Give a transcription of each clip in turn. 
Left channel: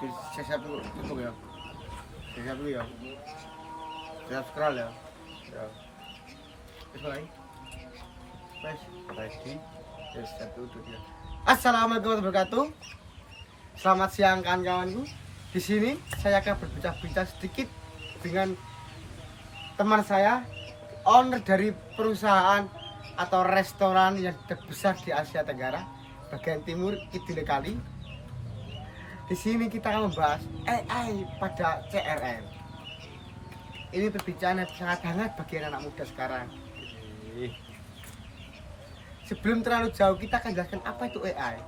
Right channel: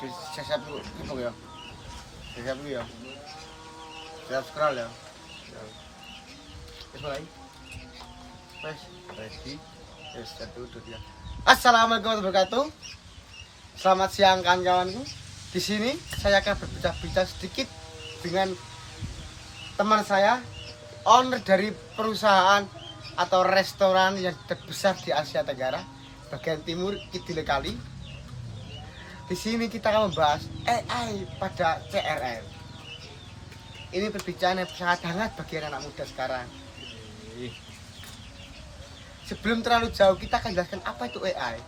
Siap dulu, ya. Siap dulu ya. Siap scroll ya. Ya. Terus mulai. Mas, ready. Ya, satu ya. Assalamualaikum warahmatullahi wabarakatuh. Selamat siang kawan-kawanku. Di sini saya akan berbincang-bincang sedikit dengan teman saya, owner dari perusahaan atau restoran yang terbesar di Asia Tenggara, bagian timur Kidul Kali. Di sini kita akan membahas AI pada CRM. Ini perbincangan yang sangat hangat bagi anak muda sekarang. Sebelum terlalu jauh, kita akan jelaskan apa itu AI.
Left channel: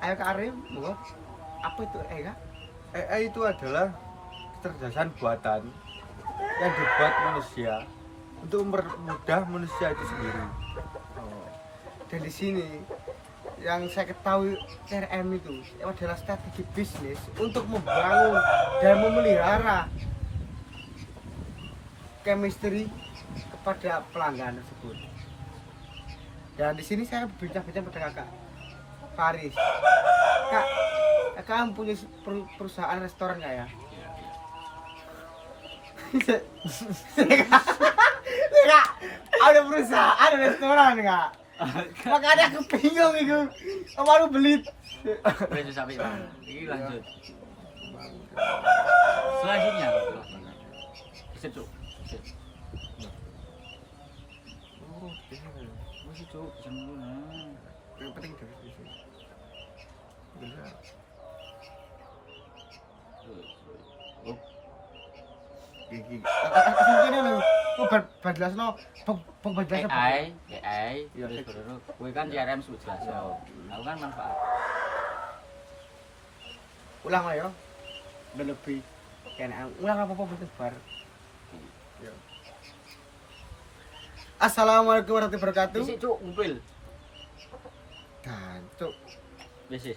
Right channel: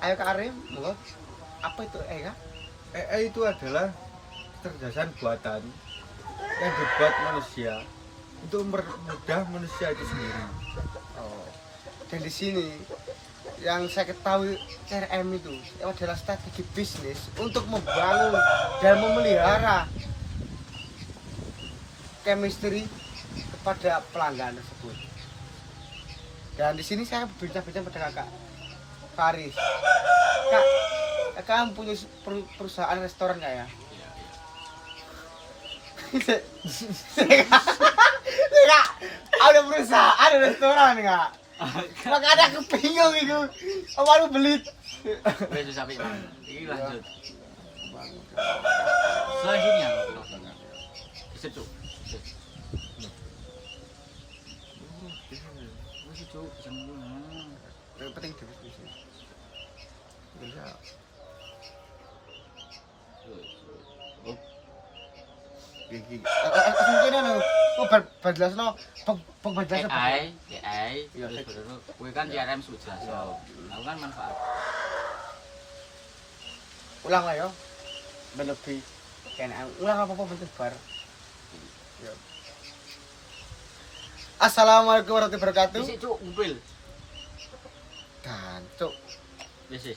Ayo Kak Arim, monggo. Apa itu AI, Kak? AI itu adalah kecerdasan buatan yang dibuat manusia untuk mempermudah manusia itu sendiri. Oh. Dan di sini yang saya ketahui CRM itu adalah strategi bisnis untuk membangun dan memelihara chemistry kepada pelanggan tersebut. Dan di sini saya berbincang-bincang pada kakak Faris. Kakak punya perusahaan restoran nggak ya? Iya, iya. Kak, ada perusahaan restoran nggak? Makanya aku bingung itu. Apa lu beli? Wes sampai Bang. Iki lanjut. Selanjutnya bisa cuk. Wes cuk, bisa mulu. Yang penting jelas di sini. Bisa. Oh, Gigi. Mungkin anu, kok berjelasno, berjelasno. AI, terus baru kowe kan CRM sudah jelas. Aku kan manfaat. Ulang ayo. Berlebih. Kena ulang apa-apa bentuk bar. Ya. Assalamualaikum warahmatullahi wabarakatuh. Bisa cuk, ngumpul. Dan cuk. Bisa.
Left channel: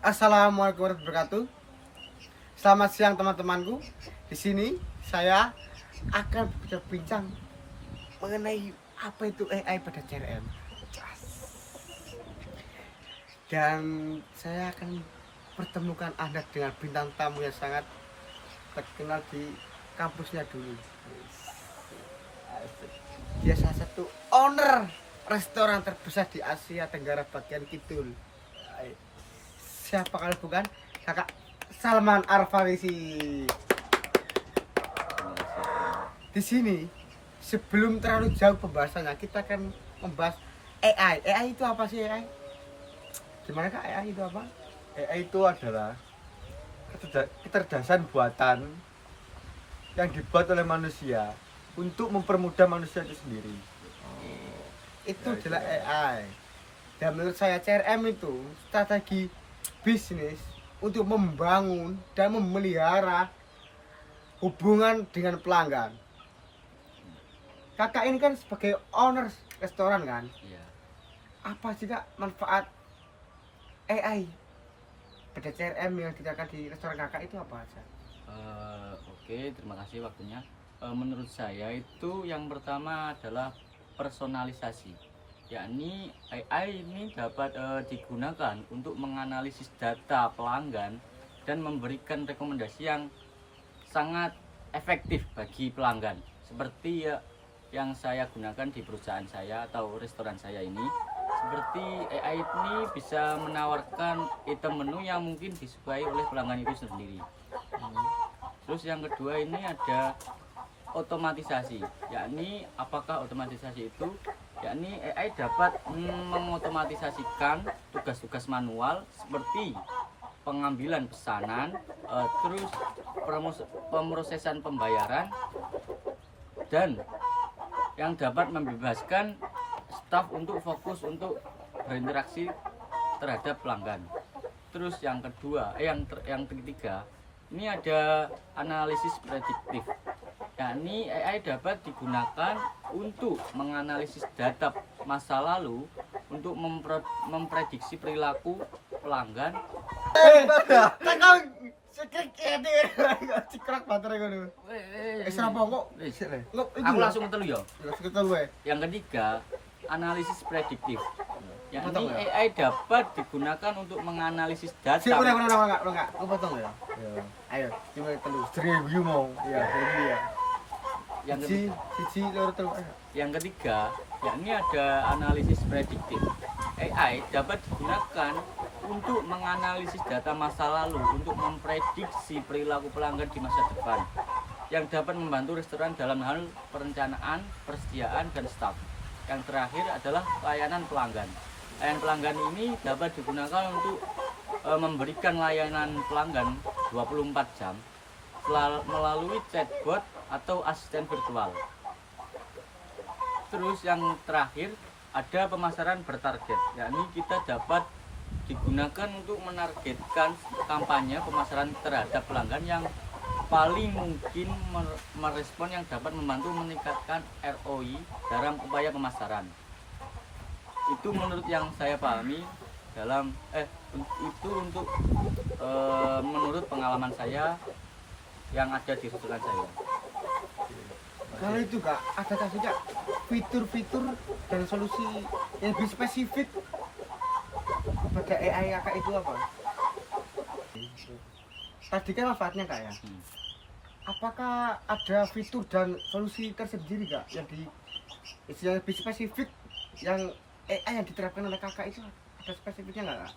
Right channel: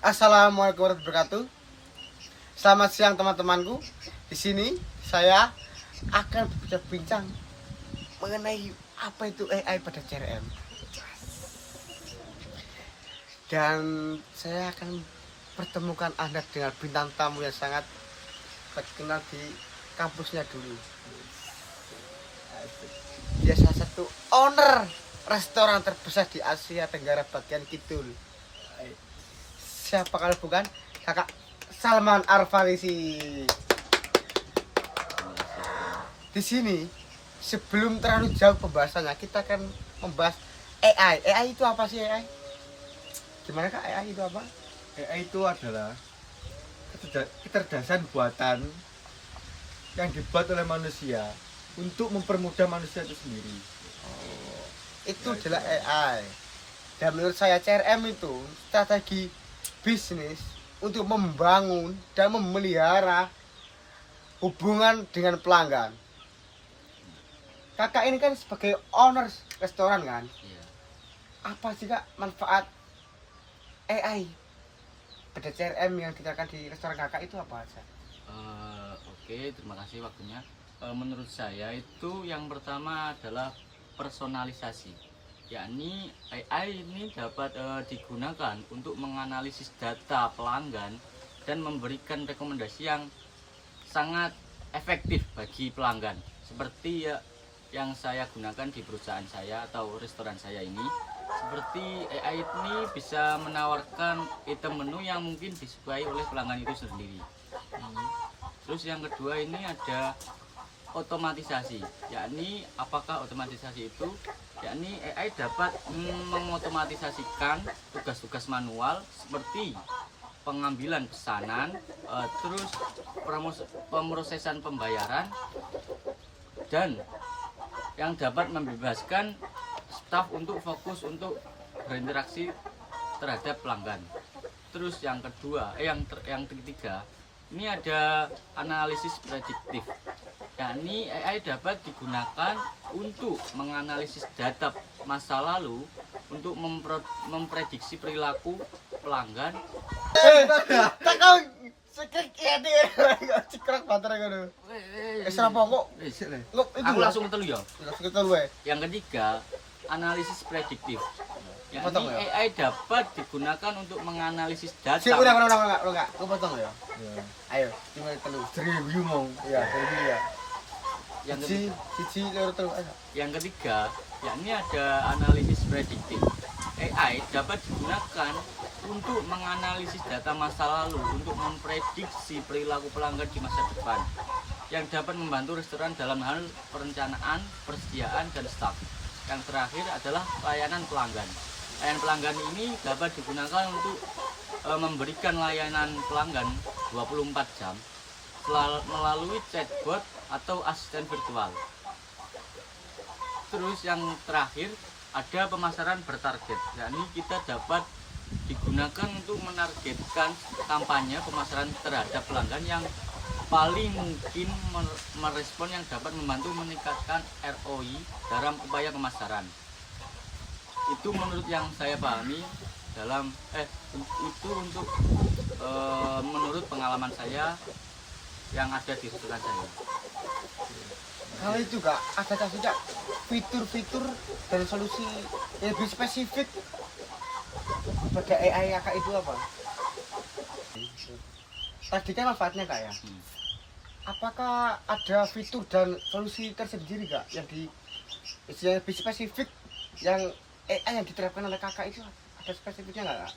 Assalamualaikum warahmatullahi wabarakatuh. Selamat siang teman-temanku. Di sini saya akan berbincang mengenai apa itu AI pada CRM. Dan saya akan pertemukan Anda dengan bintang tamu yang sangat terkenal di kampusnya dulu. Dia salah satu owner restoran terbesar di Asia Tenggara bagian kidul. Siapa kalau bukan Kakak Salman Al-Farisi. Di sini sebelum terlalu jauh pembahasannya, kita akan membahas AI. AI itu apa sih AI? Gimana Kak, AI itu apa? AI itu adalah kecerdasan buatan yang dibuat oleh manusia untuk mempermudah manusia itu sendiri. Itu Ya, adalah itu. AI. Dan menurut saya CRM itu strategi bisnis untuk membangun dan memelihara hubungan dengan pelanggan. Kakak ini kan sebagai owner restoran kan? Iya. Apa sih Kak manfaat AI pada CRM yang diterapkan di restoran kakak itu apa aja? Oke, terima kasih waktunya. Menurut saya itu yang pertama adalah personalisasi, yakni AI ini dapat digunakan untuk menganalisis data pelanggan dan memberikan rekomendasi yang sangat efektif bagi pelanggan, seperti yang saya gunakan di perusahaan saya atau restoran saya ini. Seperti AI ini bisa menawarkan item menu yang mungkin disukai oleh pelanggan itu sendiri. Terus yang kedua ini ada otomatisasi, yakni apakah otomatisasi itu? Yakni AI dapat mengotomatisasikan tugas-tugas manual seperti pengambilan pesanan, terus pemrosesan pembayaran, dan yang dapat membebaskan staf untuk fokus untuk berinteraksi terhadap pelanggan. Terus yang kedua, yang ketiga, ini ada analisis prediktif. Yakni AI dapat digunakan untuk menganalisis data masa lalu untuk memprediksi perilaku pelanggan. Tak kau sekrek ya deh, sekrek baterai kau dulu. Apa kok? Aku langsung ketelu ya. Langsung ketemu ya. Yang ketiga, analisis prediktif. Potong yakni ya? AI dapat digunakan untuk menganalisis Sik, data. udah. Aku potong ya. Ya. Ayo, cuma telu. Review mau. Ya, dari ya. Yang Siji, ketiga, siji loro telu ayo. yang ketiga, yakni ada analisis prediktif. AI dapat digunakan untuk menganalisis data masa lalu untuk memprediksi perilaku pelanggan di masa depan, yang dapat membantu restoran dalam hal perencanaan, persediaan, dan stok. Yang terakhir adalah layanan pelanggan. Layanan pelanggan ini dapat digunakan untuk memberikan layanan pelanggan 24 jam melalui chatbot atau asisten virtual. Terus yang terakhir ada pemasaran bertarget, yakni kita dapat digunakan untuk menargetkan kampanye pemasaran terhadap pelanggan yang paling mungkin merespon, yang dapat membantu meningkatkan ROI dalam upaya pemasaran. Itu menurut yang saya pahami dalam itu untuk menurut pengalaman saya yang ada di restoran saya. Kalau itu Kak, adakah sih Kak fitur-fitur dan solusi yang lebih spesifik pada AI Kakak itu apa? Tadi kan manfaatnya Kak ya. Apakah ada fitur dan solusi tersendiri Kak yang lebih spesifik yang AI yang diterapkan oleh Kakak itu ada spesifiknya nggak Kak?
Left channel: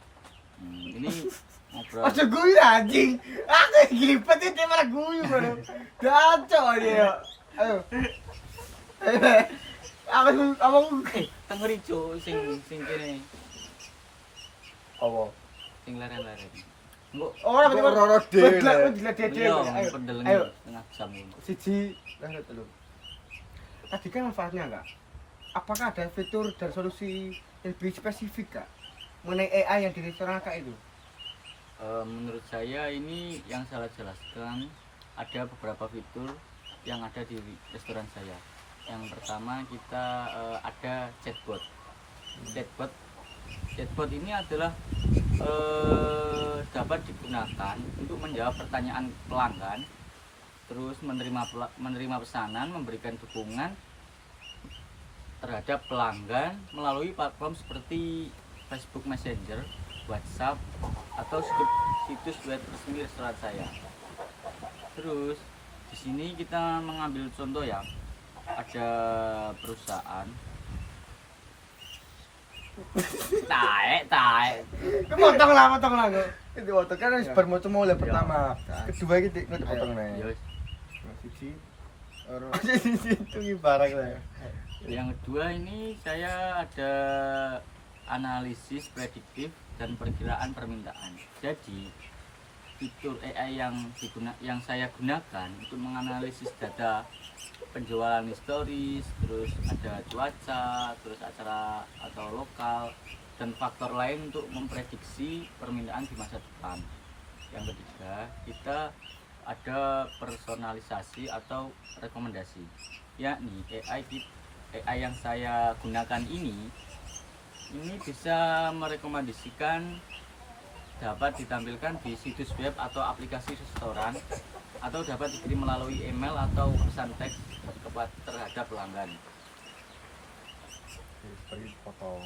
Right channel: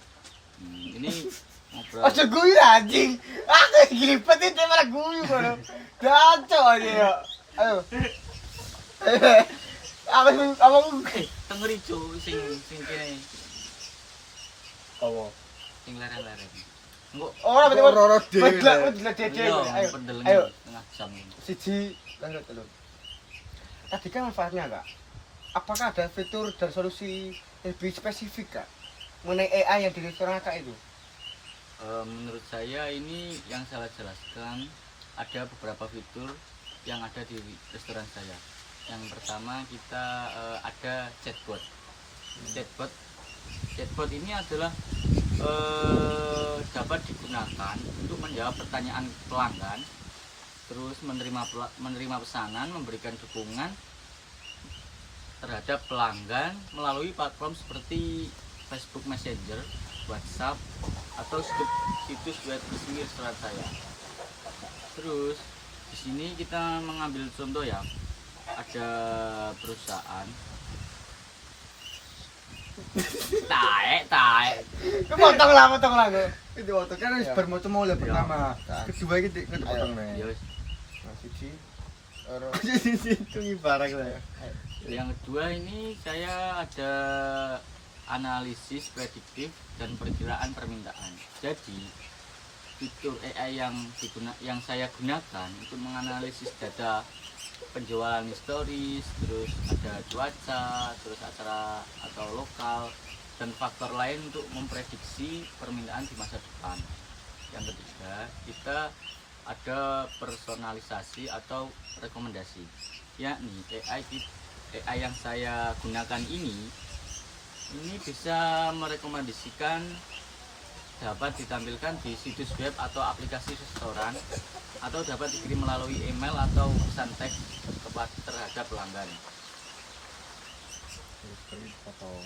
Ini ngobrol. Oh guyu anjing. Aku gripet itu malah guyu bro. Kacau aja. Ayo. Aku Tengeri cuk sing kene Apa? sing leren-leren. Engko oh berarti Roro dhewe. iya Ayo. pendeleng Ayo. tengah jam ini. Siji lanjut telu. Tadi kan manfaatnya Kak. Apakah ada fitur dan solusi lebih spesifik Kak mengenai AI yang di restoran Kak itu? Menurut saya ini yang saya jelaskan ada beberapa fitur yang ada di restoran saya. Yang pertama kita ada chatbot. Chatbot ini adalah dapat digunakan untuk menjawab pertanyaan pelanggan, terus menerima pesanan, memberikan dukungan terhadap pelanggan melalui platform seperti Facebook Messenger, WhatsApp, atau situs web resmi restoran saya. Terus di sini kita mengambil contoh ya, ada perusahaan taek Potong lah. Itu waktu kan wis bar mau mulai pertama. Kedua iki nggak potong ya nih. wis. Siji loro. Itu barang lah. Yang kedua ini saya ada analisis prediktif dan perkiraan permintaan. Jadi fitur AI yang saya gunakan untuk menganalisis data penjualan historis, terus ada cuaca, terus acara atau lokal, dan faktor lain untuk memprediksi permintaan di masa depan. Yang ketiga, kita ada personalisasi atau rekomendasi, yakni AI yang saya gunakan ini bisa merekomendasikan dapat ditampilkan di situs web atau aplikasi restoran, atau dapat dikirim melalui email atau pesan teks terhadap pelanggan. Seperti potong.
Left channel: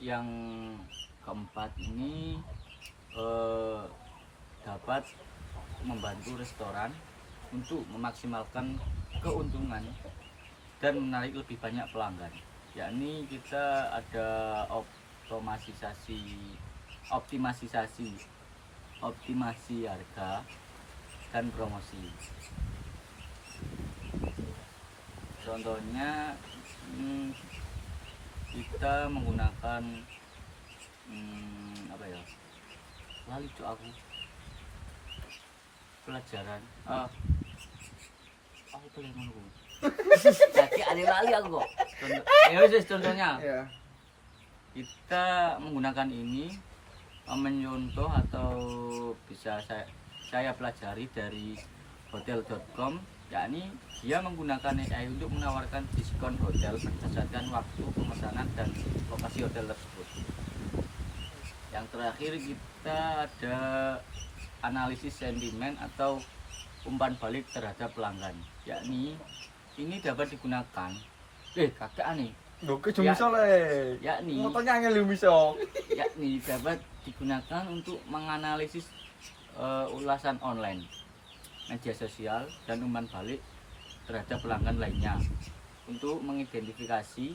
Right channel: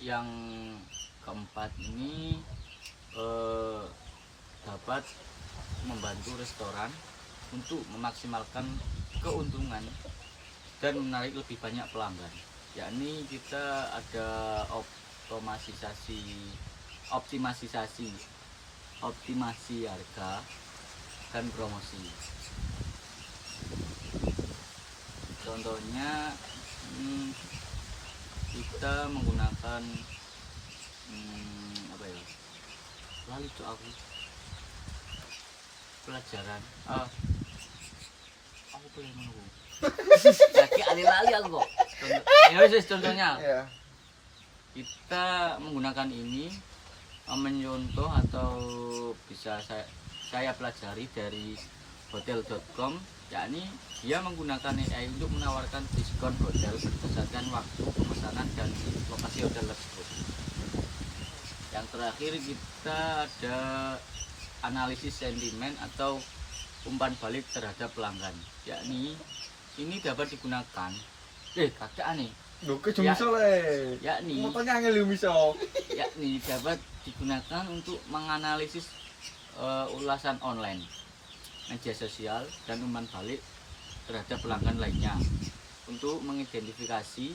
Yang keempat ini dapat membantu restoran untuk memaksimalkan keuntungan dan menarik lebih banyak pelanggan, yakni kita ada optimasi harga dan promosi. Contohnya kita menggunakan apa ya, lali cok aku pelajaran aku boleh menunggu jadi alih-alih aku kok. Contohnya Iya. kita menggunakan ini menyontoh atau bisa saya pelajari dari hotel.com, yakni dia menggunakan AI untuk menawarkan diskon hotel berdasarkan waktu pemesanan dan lokasi hotel tersebut. Yang terakhir kita ada analisis sentimen atau umpan balik terhadap pelanggan, yakni ini dapat digunakan kakek aneh, Lho ke bisa le. yakni Motonya angel bisa. yakni dapat digunakan untuk menganalisis ulasan online, media sosial, dan umpan balik terhadap pelanggan lainnya untuk mengidentifikasi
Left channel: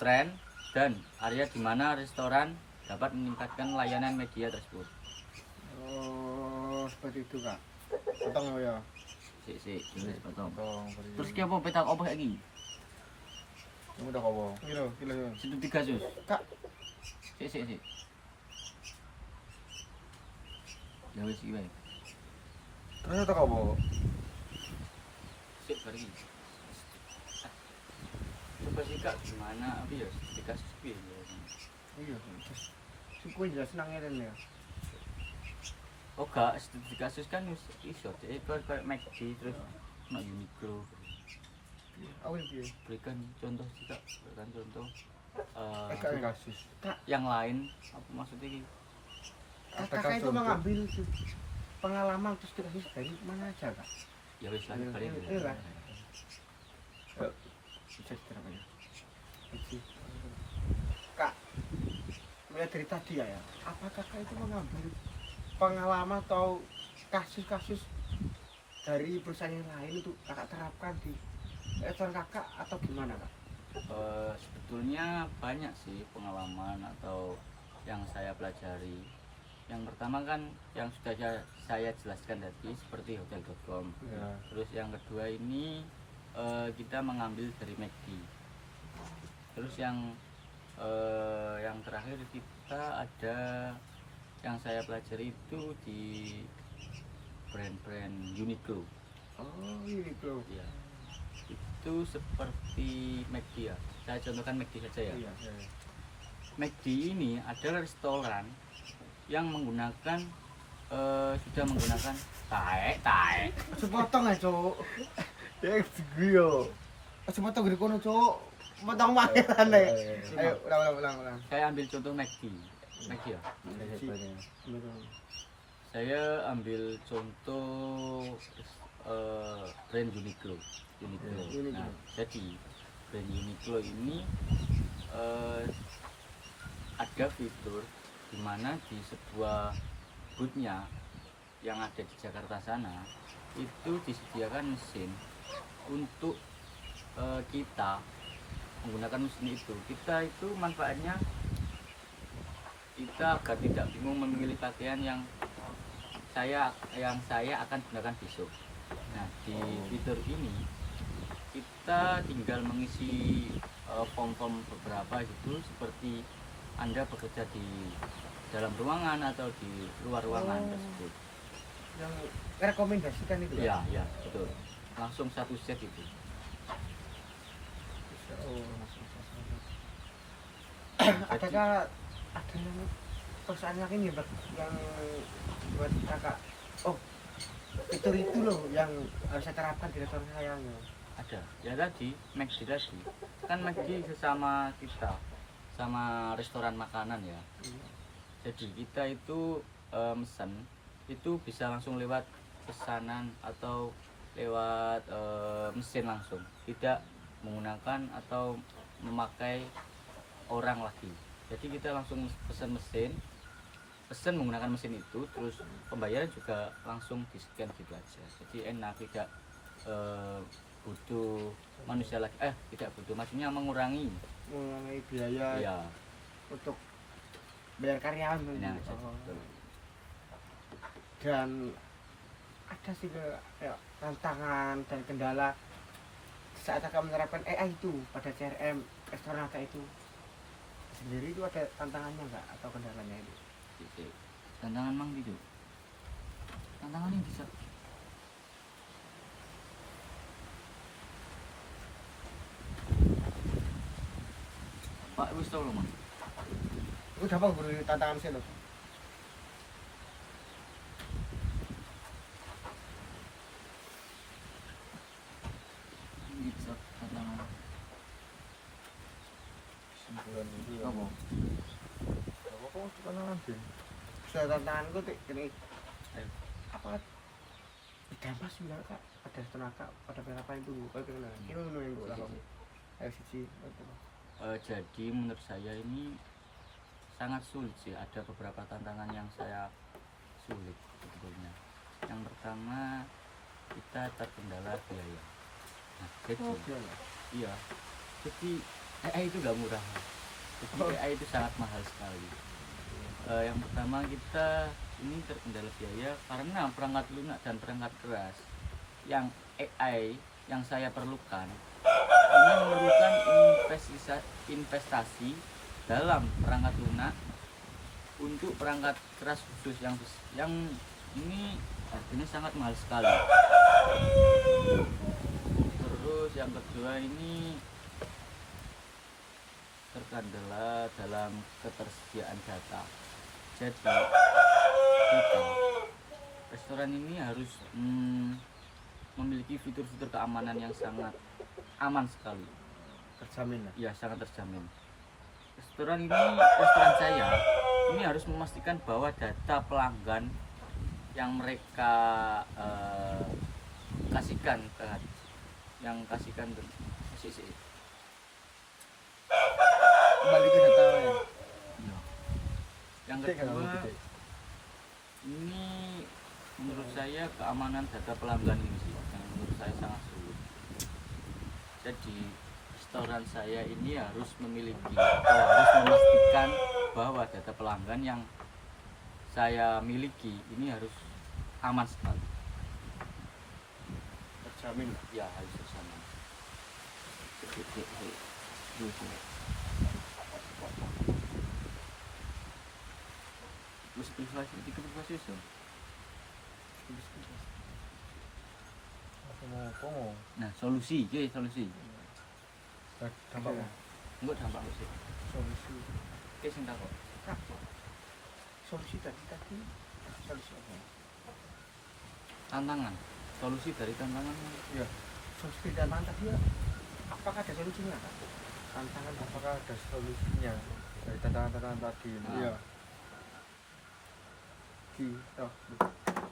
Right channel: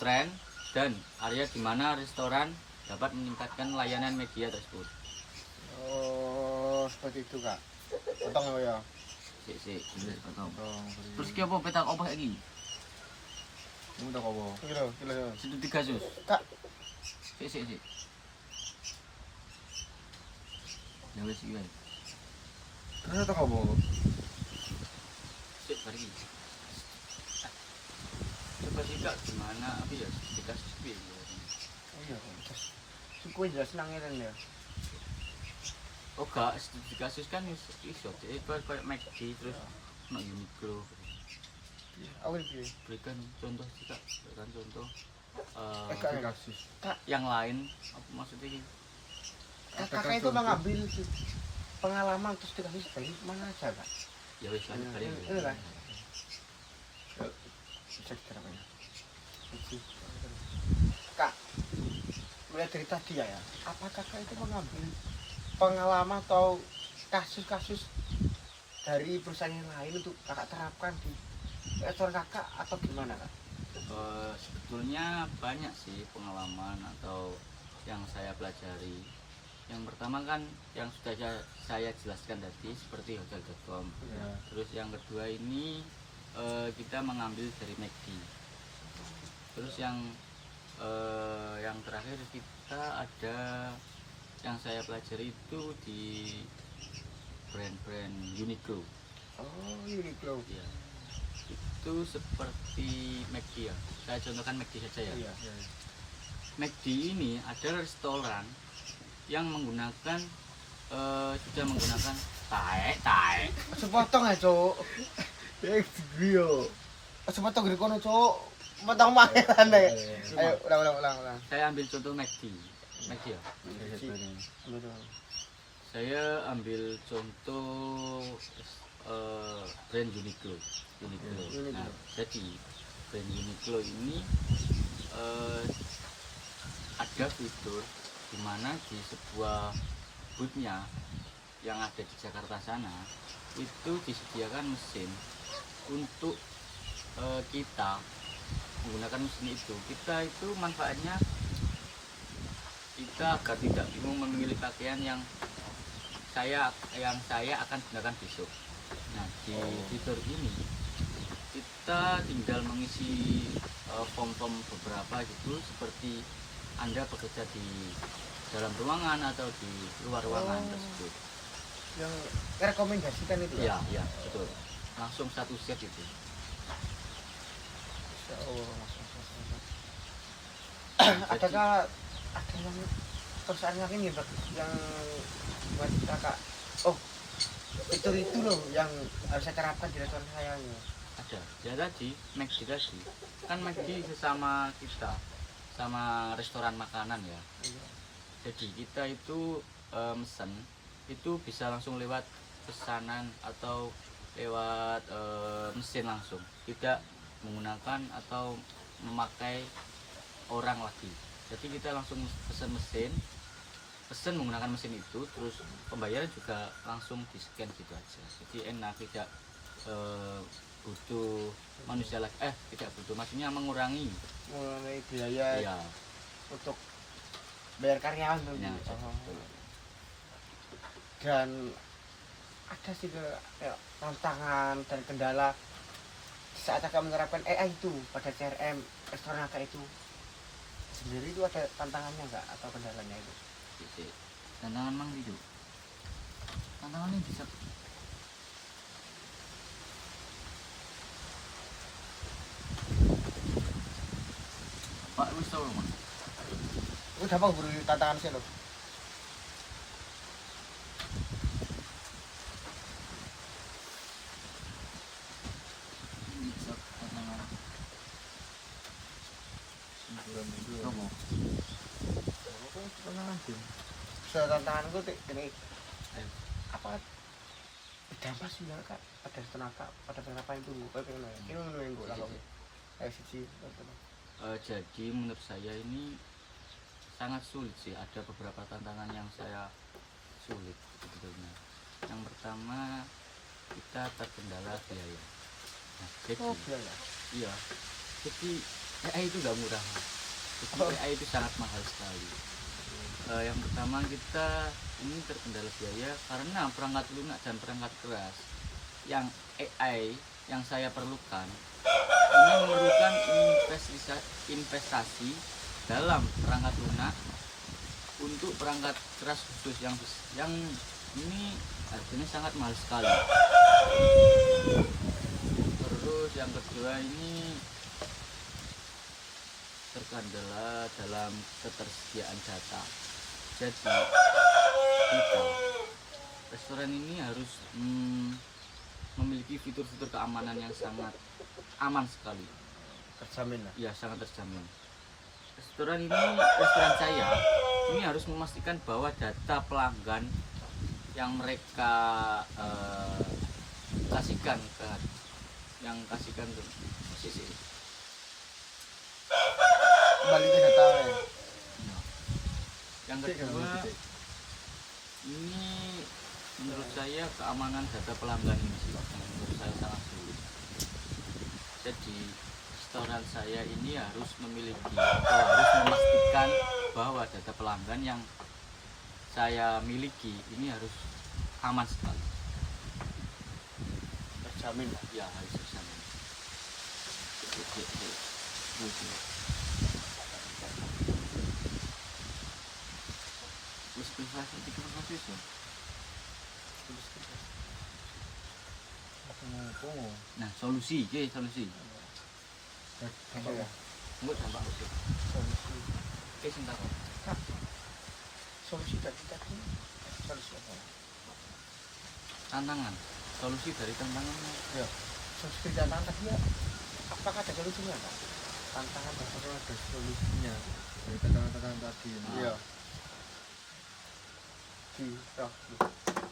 tren dan area di mana restoran dapat meningkatkan layanan media tersebut. Oh, seperti itu kak. Potong ya. Sik, potong. Potong. Terus ki apa petak apa iki? Kamu udah kowo. Kilo. Situ 3 sus. Kak. Sik. Ya wis iki wae. Terus tak kowo. Sik bari iki. Coba sih kak gimana apa ya dikasih piye ya. Oh iya. Suku jelas senangnya kan ya. Oh gak, studi kasus kan iso itu kayak McD terus no Uniqlo. Aku ini. Berikan contoh sih kak, berikan contoh Kak, Kasus. yang lain apa maksudnya gitu? kakak itu mengambil pengalaman terus dikasih dari mana aja kak? Ya wis lanjut balik. Iya, kan? Cek berapa ya? Kak, mulai dari tadi ya, apa kakak itu mengambil pengalaman atau kasus-kasus dari perusahaan yang lain untuk kakak terapkan di restoran kakak atau gimana kak? Sebetulnya banyak sih pengalaman atau yang saya pelajari. Yang pertama kan yang sudah saya jelaskan tadi seperti hotel.com. Ya. Terus yang kedua ini kita mengambil dari McD. Terus yang terakhir kita ada yang saya pelajari itu di brand-brand Uniqlo. Oh, Uniqlo. Ya, itu seperti McD ya. Saya contohkan McD saja ya. Iya. McD ini adalah restoran yang menggunakan sudah menggunakan tae. Sepotong ya cowok. Grio. Sepotong gede kono cowok. Motong mana ya? Ayo, ulang. Saya ambil contoh McD ya. Saya ambil contoh brand Uniqlo. Nah, jadi brand Uniqlo ini ada fitur di mana di sebuah bootnya yang ada di Jakarta sana itu disediakan mesin untuk kita menggunakan mesin itu. Kita itu manfaatnya kita agar tidak bingung memilih pakaian yang saya akan gunakan besok. Nah, di fitur ini kita tinggal mengisi form-form beberapa gitu seperti Anda bekerja di dalam ruangan atau di luar ruangan tersebut. Yang rekomendasikan itu Ya, betul. Langsung satu set itu. Adakah ada yang perusahaan yang ini yang buat kakak? Oh, fitur itu loh yang harus saya terapkan di restoran saya. Ada. Ya tadi, McD tadi. Kan McD sesama kita, sama restoran makanan ya. Jadi kita itu mesen itu bisa langsung lewat pesanan atau lewat mesin langsung, tidak menggunakan atau memakai orang lagi. Jadi kita langsung pesen menggunakan mesin itu, terus pembayaran juga langsung di scan gitu aja. Jadi enak, tidak butuh manusia lagi, tidak butuh, maksudnya mengurangi biaya ya untuk bayar karyawan tuh. ya, betul. Dan ada sih kayak tantangan dan kendala saat kakak menerapkan AI itu pada CRM restoran kakak itu sendiri, itu ada tantangannya enggak atau kendalanya itu? Tantangan mang gitu, tantangannya bisa Pak wis tau mang. Aku dapat beri tantangan sih lo. Bisa tantangan Simpulan itu ya. kamu. Kok tantangan sih? Tantanganku gini, Ayo. apa dampak sih ya kak ada tenaga pada penerapan itu gue kayak gimana ini menunggu lah kok kayak sih Jadi menurut saya ini sangat sulit sih, ada beberapa tantangan yang saya sulit sebetulnya. Yang pertama, kita terkendala biaya. Nah, jadi iya, jadi AI itu nggak murah. Jadi AI itu sangat mahal sekali. Yang pertama, kita ini terkendala biaya karena perangkat lunak dan perangkat keras yang AI yang saya perlukan ini memerlukan investasi dalam perangkat lunak untuk perangkat keras khusus yang ini harganya sangat mahal sekali. Terus yang kedua ini terkendala dalam ketersediaan data. Jadi kita restoran ini harus memiliki fitur-fitur keamanan yang sangat aman sekali. terjamin lah Ya, sangat terjamin. Restoran saya ini harus memastikan bahwa data pelanggan yang mereka kasihkan ke sisi. kembali ke data ya Yang kedua, ini menurut saya keamanan data pelanggan ini sih yang menurut saya sangat sulit. Jadi restoran saya ini harus memiliki atau harus memastikan bahwa data pelanggan yang saya miliki ini harus aman sekali. terjamin lah Ya, harus terjamin. Terus privasi so. mau Nah, solusi. dampak ya Enggak dampak usik. solusi Oke, sing takut. kak solusi tadi solusi apa Tantangan. Solusi dari tantangannya. ya solusi tantangan tadi ya apakah ada solusinya kak tantangan apakah ada solusinya dari tantangan tadi ini? iya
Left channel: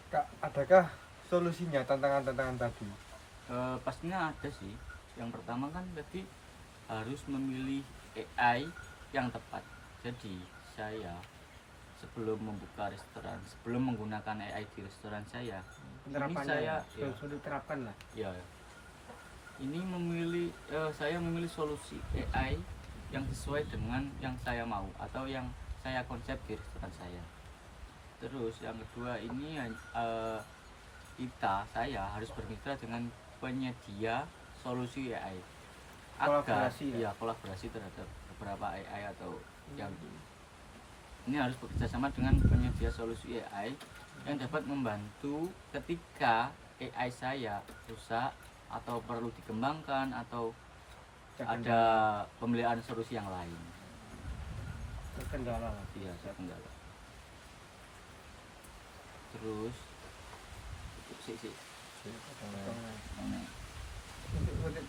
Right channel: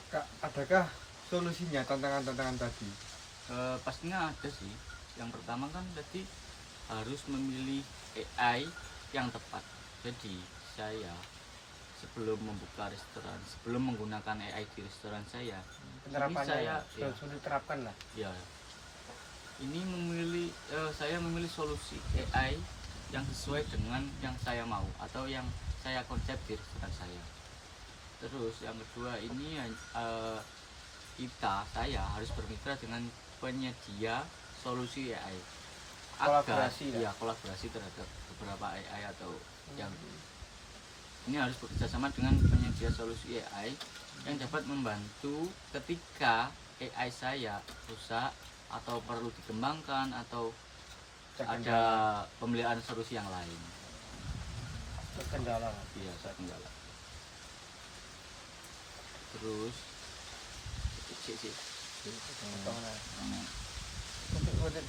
Kak, adakah solusinya tantangan tadi? Pastinya ada sih. Yang pertama kan tadi harus memilih AI yang tepat. Jadi saya sebelum membuka restoran, sebelum menggunakan AI di restoran saya, penerapannya saya sulit diterapkan lah ya ini saya memilih solusi AI yang sesuai dengan yang saya mau atau yang saya konsep di restoran saya. Terus yang kedua ini saya harus bermitra dengan penyedia solusi AI agar kolaborasi terhadap beberapa AI atau yang ini harus bekerjasama dengan penyedia solusi AI yang dapat membantu ketika AI saya rusak atau perlu dikembangkan atau ada pemeliharaan solusi yang lain. terkendala Iya, terkendala. Terus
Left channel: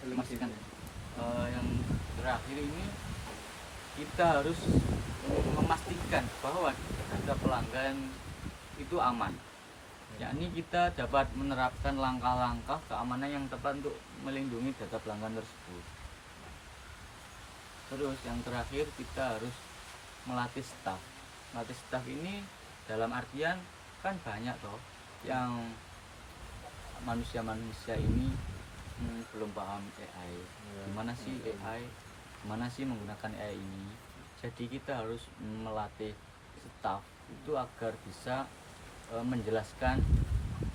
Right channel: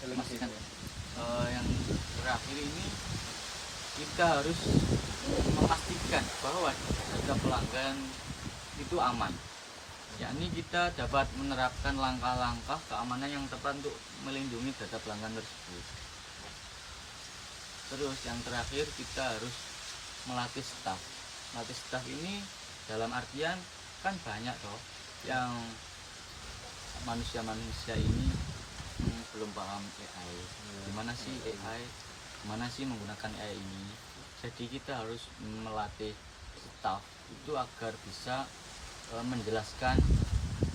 memastikan yang terakhir ini kita harus memastikan bahwa data pelanggan itu aman. Yakni kita dapat menerapkan langkah-langkah keamanan yang tepat untuk melindungi data pelanggan tersebut. Terus yang terakhir kita harus melatih staf. Melatih staf ini dalam artian kan banyak toh yang manusia ini belum paham AI. Gimana sih AI? Gimana sih menggunakan AI ini? Jadi kita harus melatih staf itu agar bisa menjelaskan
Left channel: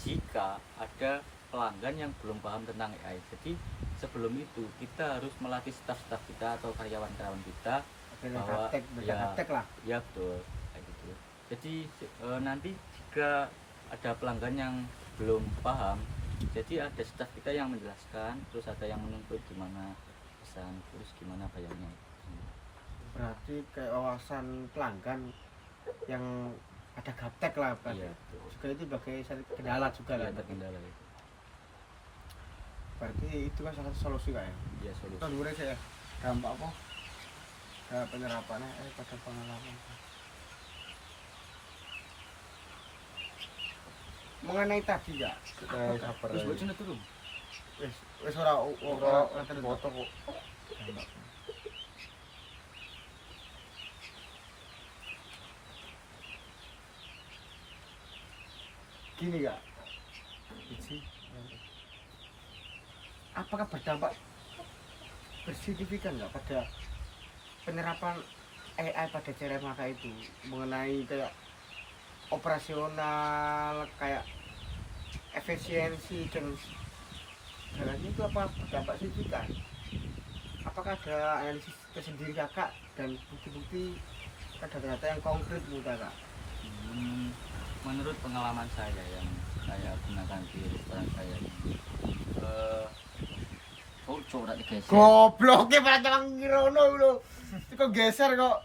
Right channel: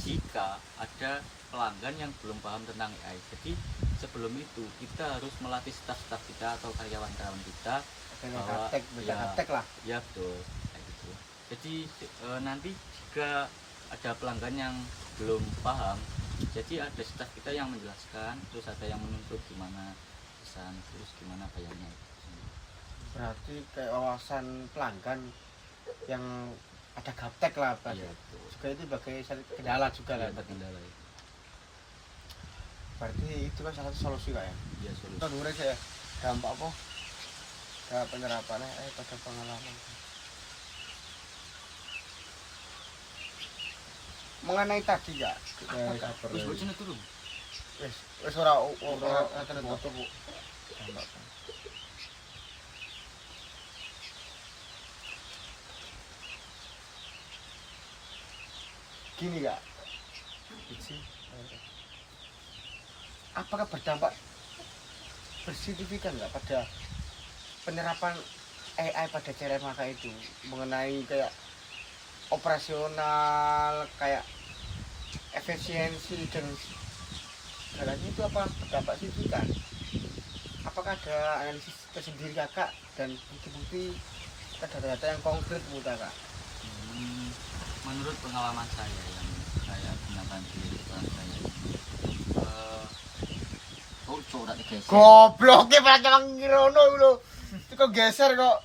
jika ada pelanggan yang belum paham tentang AI. Jadi sebelum itu kita harus melatih staf-staf kita atau karyawan-karyawan kita bahwa ya betul kayak gitu. Jadi nanti jika ada pelanggan yang belum paham, jadi ada staf kita yang menjelaskan, terus ada yang menuntut gimana pesan, terus gimana bayarnya. berarti kayak wawasan pelanggan yang ada gaptek lah Iya betul. juga itu sebagai kendala juga Iya, lah terkendala itu. berarti itu kan salah satu solusi kak ya Iya, solusi. kita dulu aja ya dampak apa penerapannya pada pengalaman mengenai tadi ya. Sabar. Wis bocone turun. Wis ora foto kok. Gini ya, apakah berdampak bersignifikan nggak pada penyerapan AI pada cairan mata itu mengenai kayak operasional, kayak efisiensi dan segalanya itu apa berdampak signifikan? Apakah ada analisis tersendiri kakak dan bukti-bukti data-data yang konkret menurut kakak? Menurut pengalaman saya yang saya gunakan di restoran saya ini, oh corak digeser. Gobloknya pada jangan ngirono lho. Kok geser kok.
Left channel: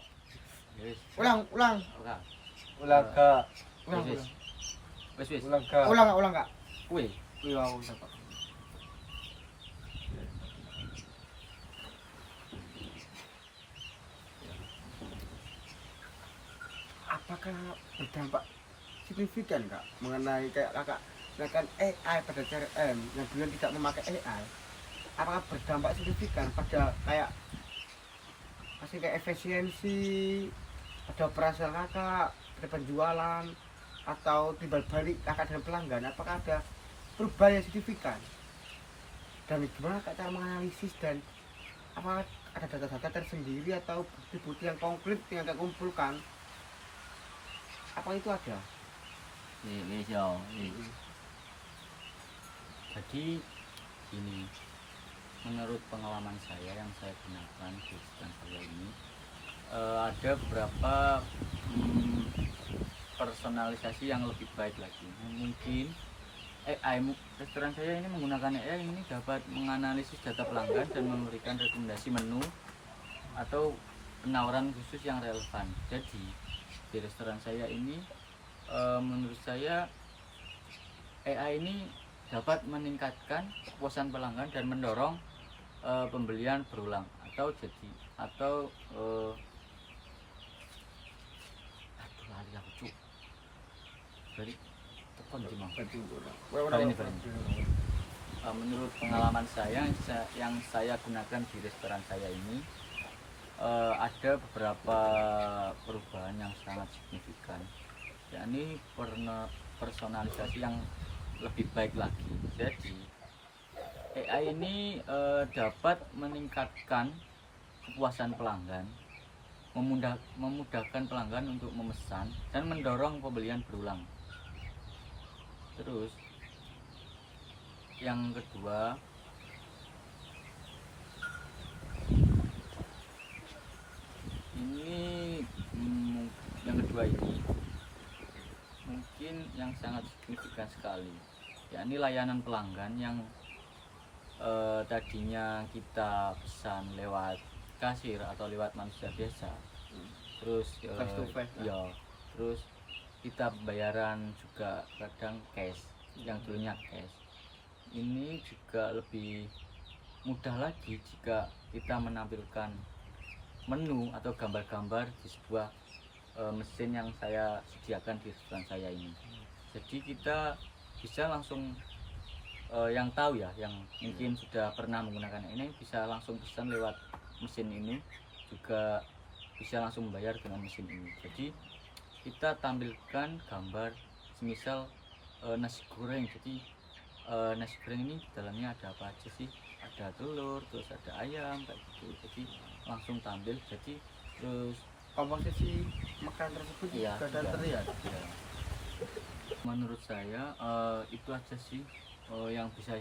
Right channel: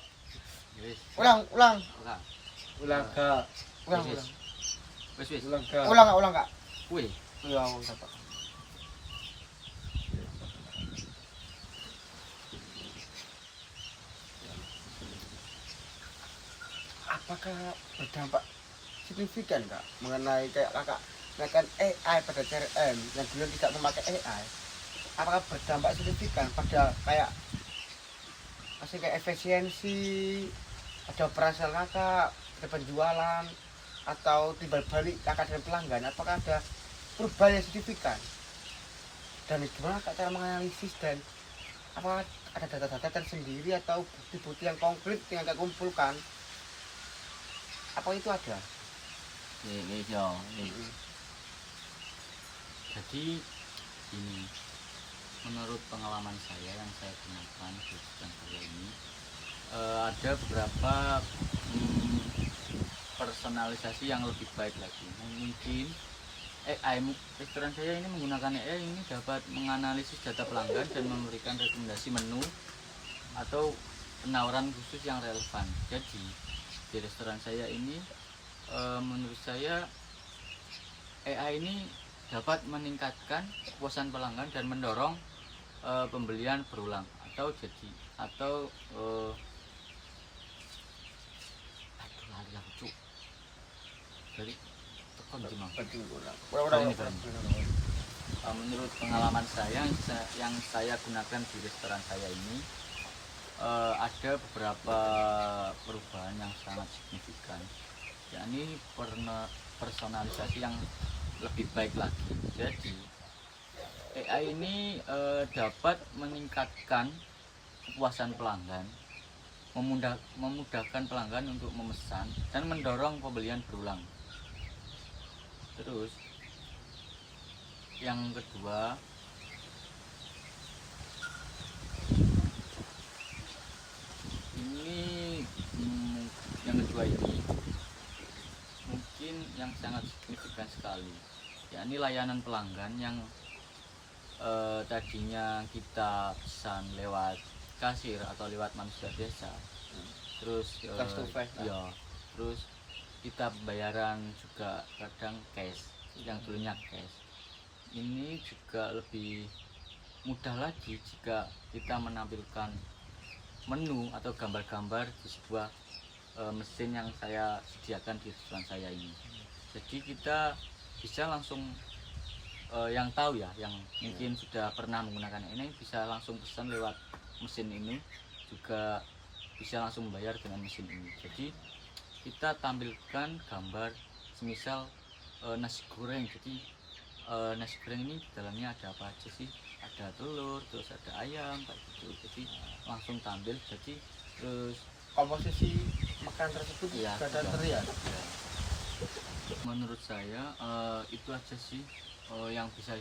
Wis. Ulang. Ora. Ulang Kak. Ulang. Wis. Ulang Kak. Ulang Kak. Kuwi. Iya, aku dapat. Apakah berdampak signifikan Kak mengenai kayak kakak menggunakan AI pada CRM yang dulu tidak memakai AI? Apakah berdampak signifikan pada kayak masih kayak efisiensi, ada operasional kakak, ada penjualan, atau timbal balik kakak dan pelanggan? Apakah ada perubahan yang signifikan? Dan gimana kak cara menganalisis dan apakah ada data-data tersendiri atau bukti-bukti yang konkret yang kakak kumpulkan? Apa itu ada? Wis yo. Jadi ini menurut pengalaman saya yang saya gunakan di restoran saya ini, ada beberapa personalisasi yang lebih baik lagi. Mungkin AI restoran saya ini menggunakan AI ini dapat menganalisis data pelanggan dan memberikan rekomendasi menu atau penawaran khusus yang relevan. Jadi di restoran saya ini, menurut saya AI ini dapat meningkatkan kepuasan pelanggan dan mendorong pembelian berulang atau aduh lali aku cuk. Jadi tekan di mang. Menurut pengalaman saya yang saya gunakan di restoran saya ini, ada beberapa perubahan yang sangat signifikan, yakni personalisasi yang lebih baik lagi. Jadi AI ini dapat meningkatkan kepuasan pelanggan, memudahkan pelanggan untuk memesan dan mendorong pembelian berulang. Terus yang kedua, ini mungkin yang sangat signifikan sekali, yakni layanan pelanggan yang tadinya kita pesan lewat kasir atau lewat manusia biasa, terus terus kita pembayaran juga kadang cash, yang dulunya cash. Ini juga lebih mudah lagi jika kita menampilkan menu atau gambar-gambar di sebuah mesin yang saya sediakan di restoran saya ini. Jadi kita bisa langsung yang tahu ya, yang mungkin sudah pernah menggunakan ini bisa langsung pesan lewat mesin ini, juga bisa langsung membayar dengan mesin ini. Jadi kita tampilkan gambar semisal nasi goreng. Jadi nasi goreng ini di dalamnya ada apa aja sih? Ada telur, terus ada ayam kayak gitu. Jadi langsung tampil. Jadi terus komposisi makanan tersebut ya, sudah terlihat. Ya. Menurut saya itu aja sih yang bisa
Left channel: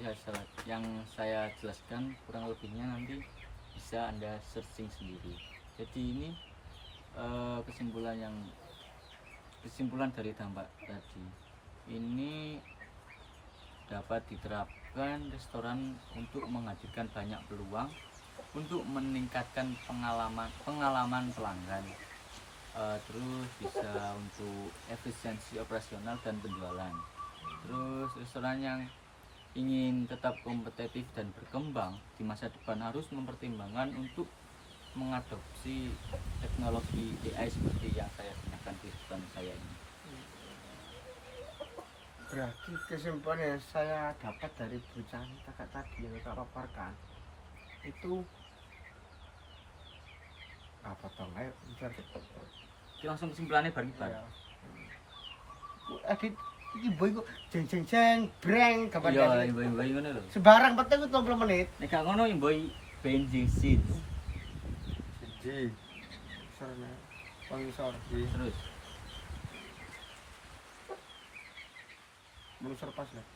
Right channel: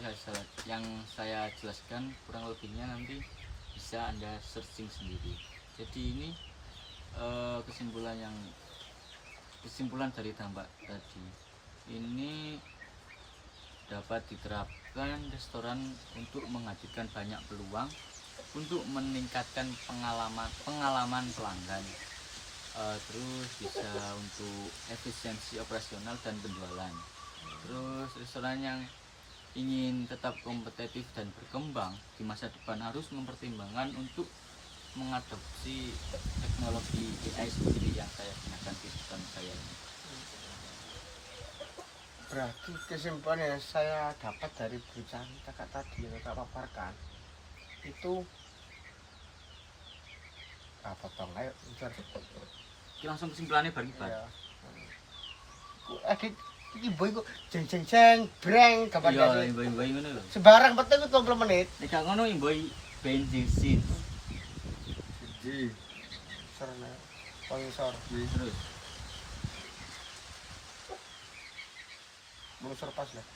saya jelaskan. Kurang lebihnya nanti bisa Anda searching sendiri. Jadi ini kesimpulan dari dampak tadi ini dapat diterapkan restoran untuk menghadirkan banyak peluang untuk meningkatkan pengalaman pelanggan, terus bisa untuk efisiensi operasional dan penjualan. Terus restoran yang ingin tetap kompetitif dan berkembang di masa depan harus mempertimbangkan untuk mengadopsi teknologi AI seperti yang saya gunakan di restoran saya ini. Berarti kesimpulan yang saya dapat dari bincang kakak tadi yang kakak paparkan itu apa bang? Ayo bicara deh. Iki langsung kesimpulannya bareng bar. Ya. Lagi ibu itu jeng jeng jeng breng kapan Iya, imboi ngono lho. sembarang penting itu 20 menit. Nek gak ngono imboi bensin. Jadi, Sorry, sponsor. Terus. Sponsor pas lah.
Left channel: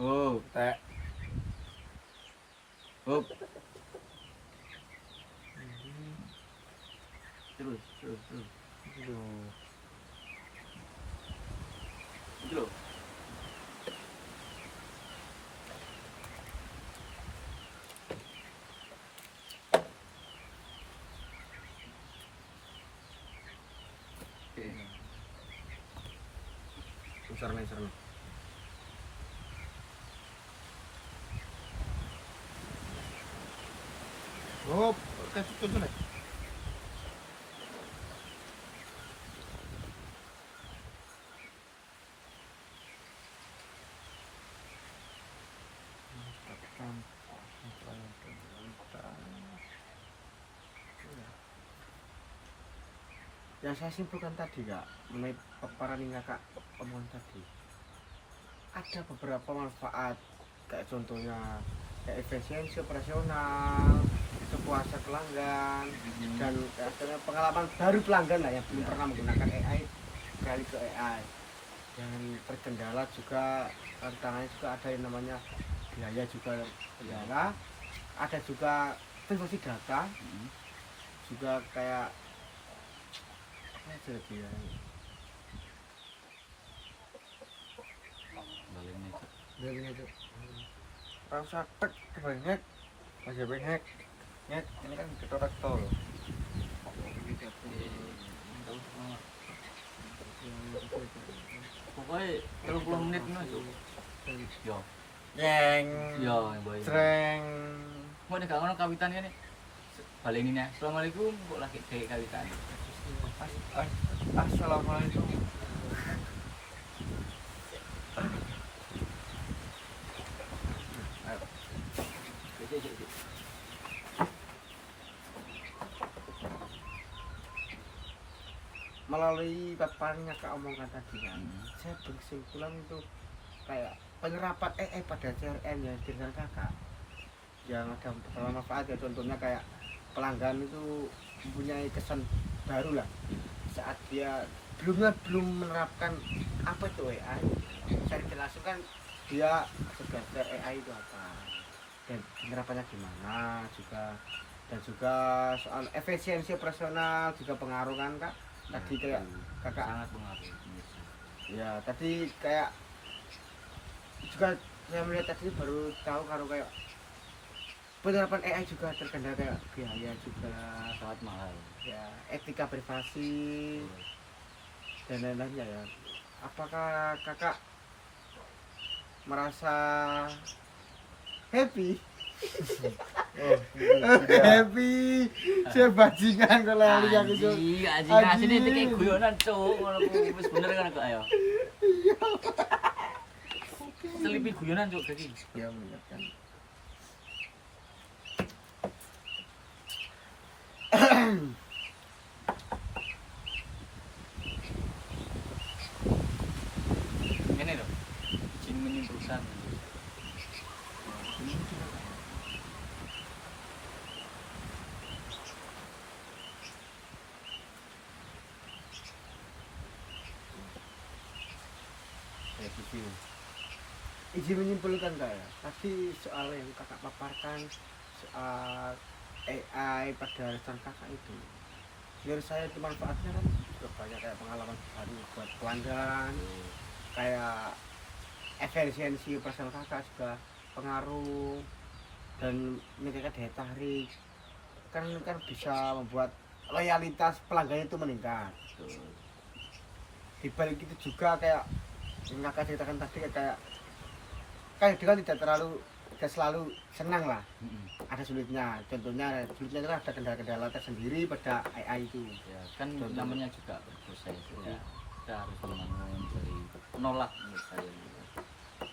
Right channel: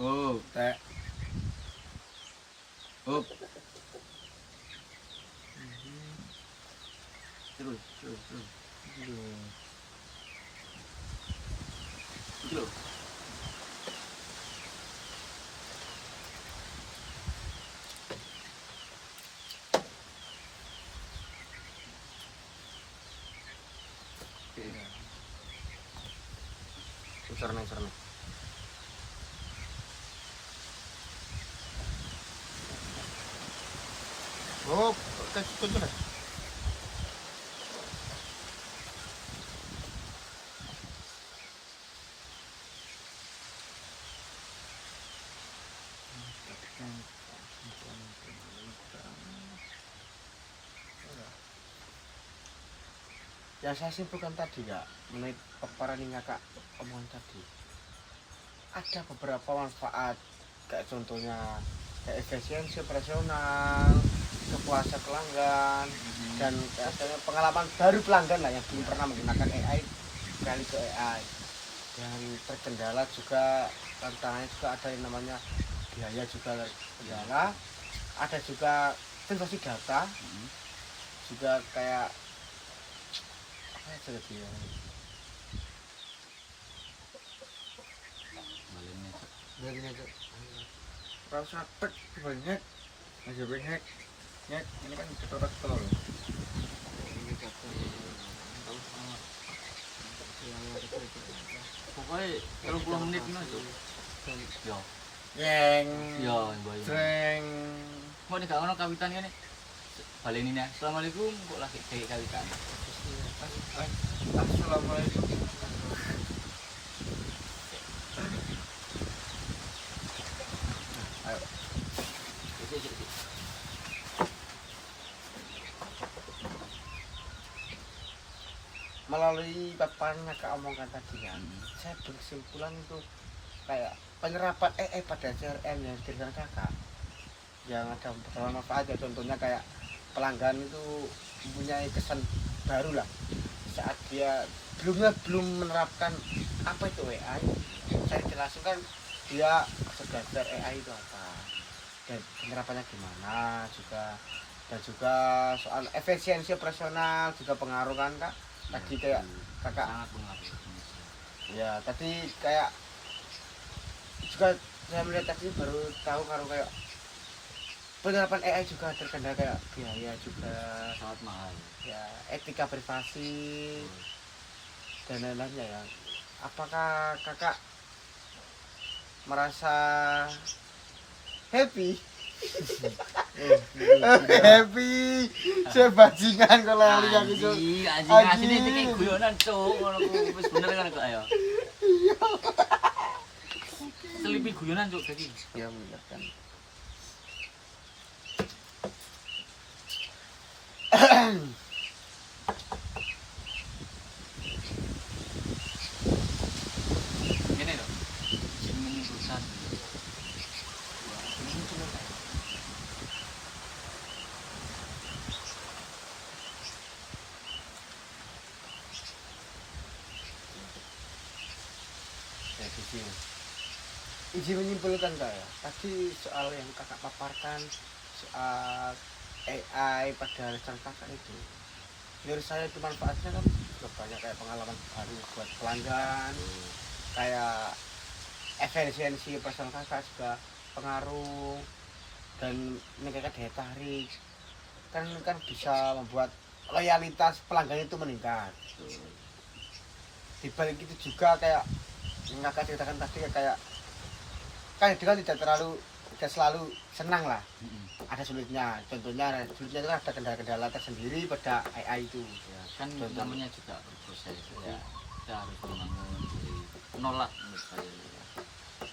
Oh, Tek. oh. Terus. Itu. Iki lho. Usar nih. Oh, kasih tuntun lah. Yang saya simpulkan tadi kak, menurut paparan yang kakak omongan tadi, ada beberapa manfaat kayak contohnya kayak efisiensi operasional, kepuasan pelanggan, dan kayak pengalaman baru pelanggan lah yang belum pernah menggunakan AI kali ke AI. Dan terkendala juga tantangannya juga ada yang namanya biaya juga terkendala, ada juga privasi data, juga kayak apa aja lagi ya? Baliknya Cak. Biarin aja. rasa tek banyak. Aja banyak. Nyet, ini kan ketorek tol. Pokoknya 30 menit ngono, Cuk. Yo. Neng. Yo, imboi. Treng. Kok nek gak ngono kawitan kene. Baleni nih. Assalamualaikum kok lagi dek kawitan. Assalamualaikum. Ayo. Sik. Melalui paparan yang kak omongkan tadi kan, saya berkesimpulan itu kayak penyerapan AI pada CRM yang diberikan kakak yang ada beberapa manfaat ya, contohnya kayak pelanggan itu mempunyai kesan baru lah saat dia belum menerapkan apa itu AI. Saya jelaskan dia belajar AI itu apa dan penerapannya gimana juga, dan juga soal efisiensi operasional juga pengaruh kan kak. Tadi kayak kakak sangat pengaruh. ya tadi kayak juga saya melihat tadi baru tahu kalau kayak penerapan AI juga terkendala kayak biaya juga, Sangat mahal. ya etika privasi dan lain-lain ya. Apakah kakak merasa happy? Happy, saya bajingan kalau lihat itu. Anjing asine iki kayak guyonan, Cuk. Ngono ku wis bener kan kok ayo. Selipi guyonan, Cuk, dadi. Ya benar kan. Ngene lho. Izin menyimpulkan. Izin menyimpulkan kak ya, tadi soal yang kakak paparkan soal AI pada rencana kakak itu, menurut saya itu manfaatnya kan juga banyak, kayak pengalaman baru buat pelanggan, kayak efisiensi operasional kakak juga pengaruh, dan meningkatkan daya tarik kan bisa membuat loyalitas pelanggan itu meningkat. Di balik itu juga kayak yang kakak ceritakan tadi kayak dia kan tidak terlalu tidak selalu senang lah, Mm-mm. ada sulitnya. Contohnya sulitnya itu ada kendala-kendala tersendiri pada AI itu. Ya kan Contoh. namanya juga berproses, jadi Ya. kita harus membangun dari menolak menurut saya gitu ya.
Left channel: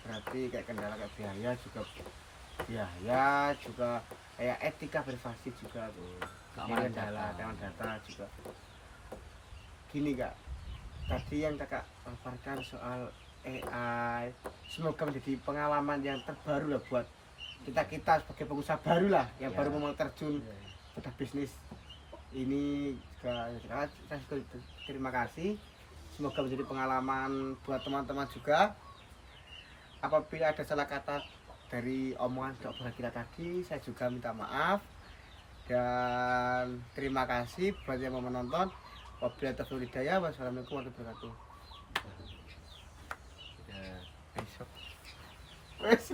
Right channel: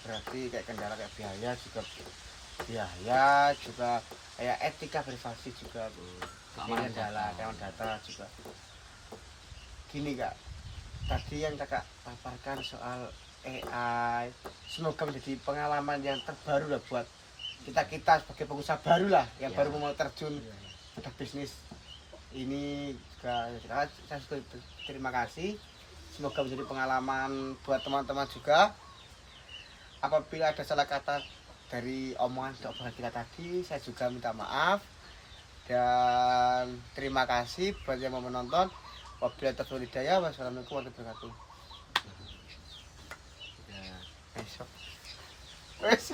Berarti kayak kendala kayak biaya juga kayak etika privasi juga Keamanan kendala data. keamanan data juga. Gini kak, tadi yang kakak paparkan soal AI, semoga menjadi pengalaman yang terbaru lah buat kita sebagai pengusaha baru lah yang Ya. baru mau terjun pada bisnis ini juga. Saya juga terima kasih, semoga menjadi pengalaman buat teman-teman juga. Apabila ada salah kata dari omongan kita tadi, saya juga minta maaf dan terima kasih buat yang mau menonton. Wabillahi taufiq wal hidayah. Wassalamualaikum warahmatullahi wabarakatuh. Ya. Wes,